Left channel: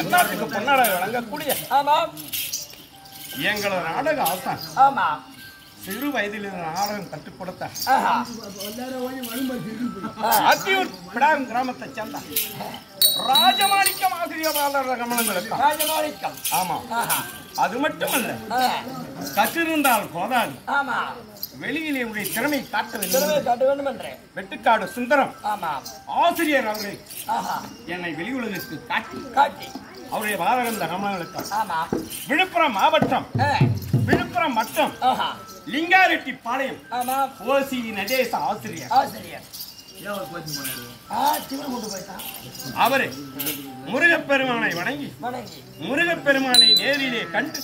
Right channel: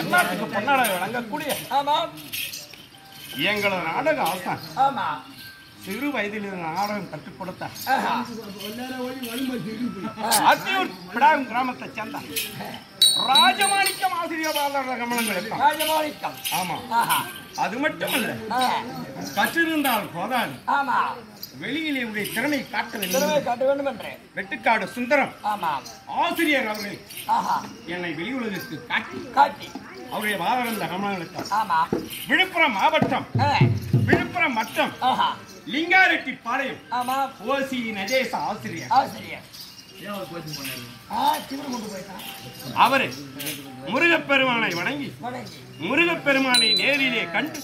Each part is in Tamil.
எல்லாத்துக்கு பொன்னாட வழங்கக்கூடிய எங்களோட நாடக ஆசான் சிறு வயதில் நாடகம் கற்றுக் கொடுத்த அத்தியூர் பிடாரம் கிராமத்தை சேர்ந்த ராஜமாணிக்கம் ஆசிரியர் கமலங்களுக்கு ராஜமாணிக்கம். ஆமா, அது மட்டுமல்ல, கற்றிருந்தால் போதாது, வெளியிலே உடைய திறமை காட்ட வேண்டும் என்று வெட்டுக்காடு சுந்தரம் ஆசிரியர் அவர்கள் என்னை வெளி உலகத்துக்கு காட்டி அவருடைய வாதரந்த கமலங்களுக்கு விழுப்புரம் மாவட்டம் விழுப்புரம் மட்டம் லிங்காரெட்டி பாளையம் ஓசி நடேச ஆசிரியர் அவரு முருகப்பெருமானை வணங்கி முருகப்பெருமானை நேரிலே கண்டு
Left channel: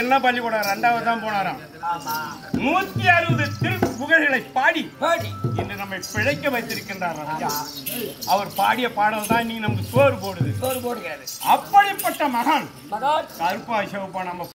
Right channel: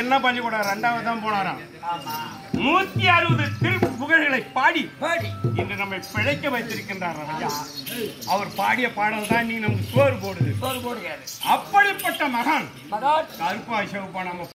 என்ன பள்ளிக்கூடம் 2வது தான் போனாராம். 160 திருப்புகழ்களை பாடி இன்று நம்மை பிழைக்க வைத்திருக்கின்றார் ஐயா. அவர் பாடிய பாடல் தான் நீ நமக்கு சோறு போடுது. அப்படிப்பட்ட மகான் கருப்பா சிவப்பா நம்ம